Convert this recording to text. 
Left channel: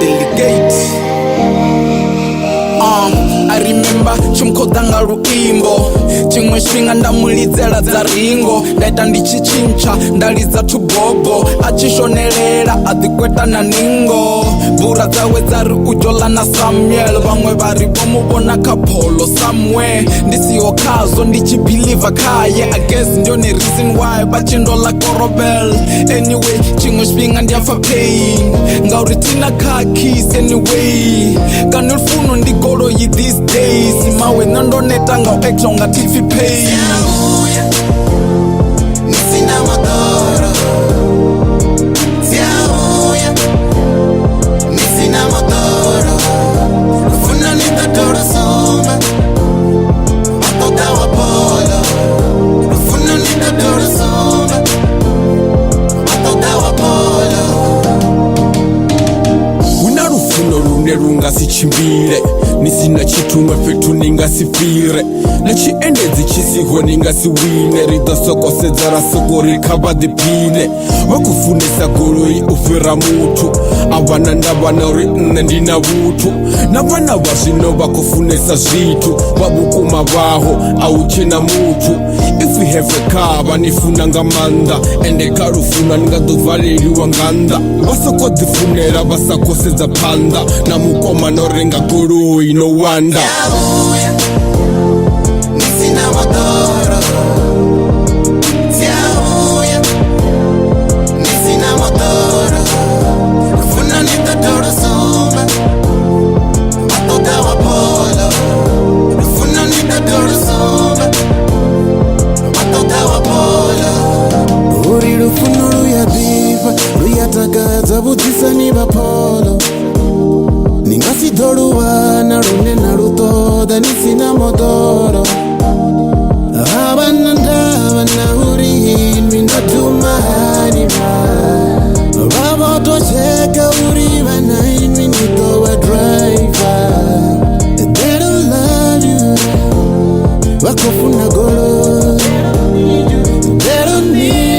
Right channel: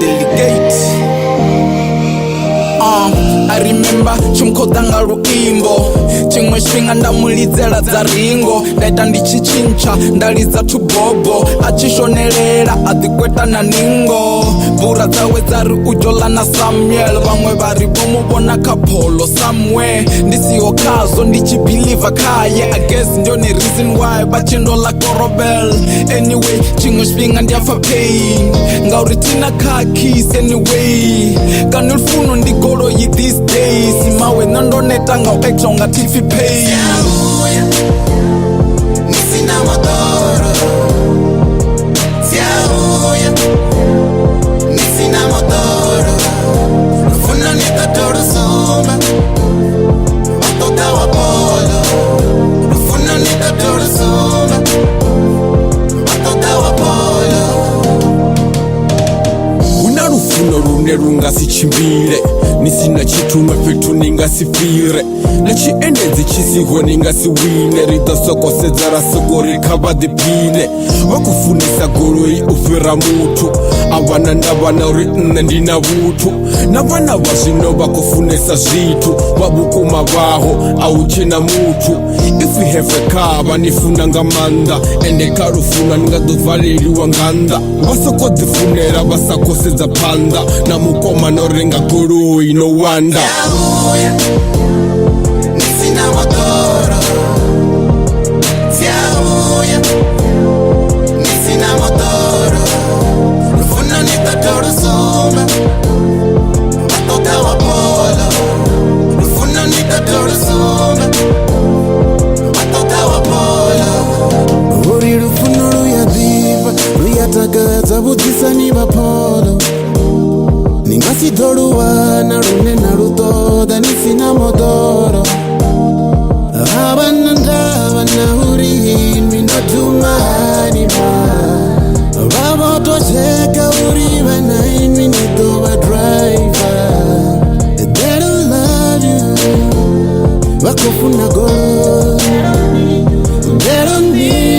delegate. I remember chimkhodanga luimbo chimwe xifhinga ndamulidzela dza ringo ndaita ndichichincha ndalidza thubobo achishonelela adikweta na ningo bura dzawe dzari ujola na Samuel vamwe vari vomuvona kapholo somewhere ndisiho khazwo ndichibhiliva khaye I guess ndione reason why vachindola korobel anyway chimwe xifhinga ndiyafa pain ngauri tina khakis anyway kana lufuno ndi goloi these days mawe nondoneta nga u-acta ungathi ifi pay Siyabuya nisina motoro Siyabuya nisina motoro Lufuna nitatoro sumba Watoka wa polo Lufuna nitatoro sumba Watoka wa polo Una rufuno rune rungasichimbire nisina chitumwe petu ningasifire nachiendedzi chisiho ningasiwine ridosokosedza rasoko rikava dipine vakufunisa goloi ufira mutu avana ndavana uri nne ndina vutu na vana va zvino vakufunisa zvitu vavukuma vaho auchena mutu if we have a car vanifuna nga manda ende karufuna ningadovhaleliwa nganda vasokodzifunera vasakosedza panda na mukoma norenga goloi no wanda Siyabuya nisina motoro Siyabuya nisina motoro Lufuna nitatoro sumba Watoka wa polo Lufuna nitatoro sumba Watoka wa polo Uri lufuno luyadiva luyatakadza vudzisani va polo Ningasidoluwana runena lutoda nisina motoro Abana ndavana uri mindotumahanima Vavotocheka uri vana imi nitova driver They don't love you Vakofuna golo They don't need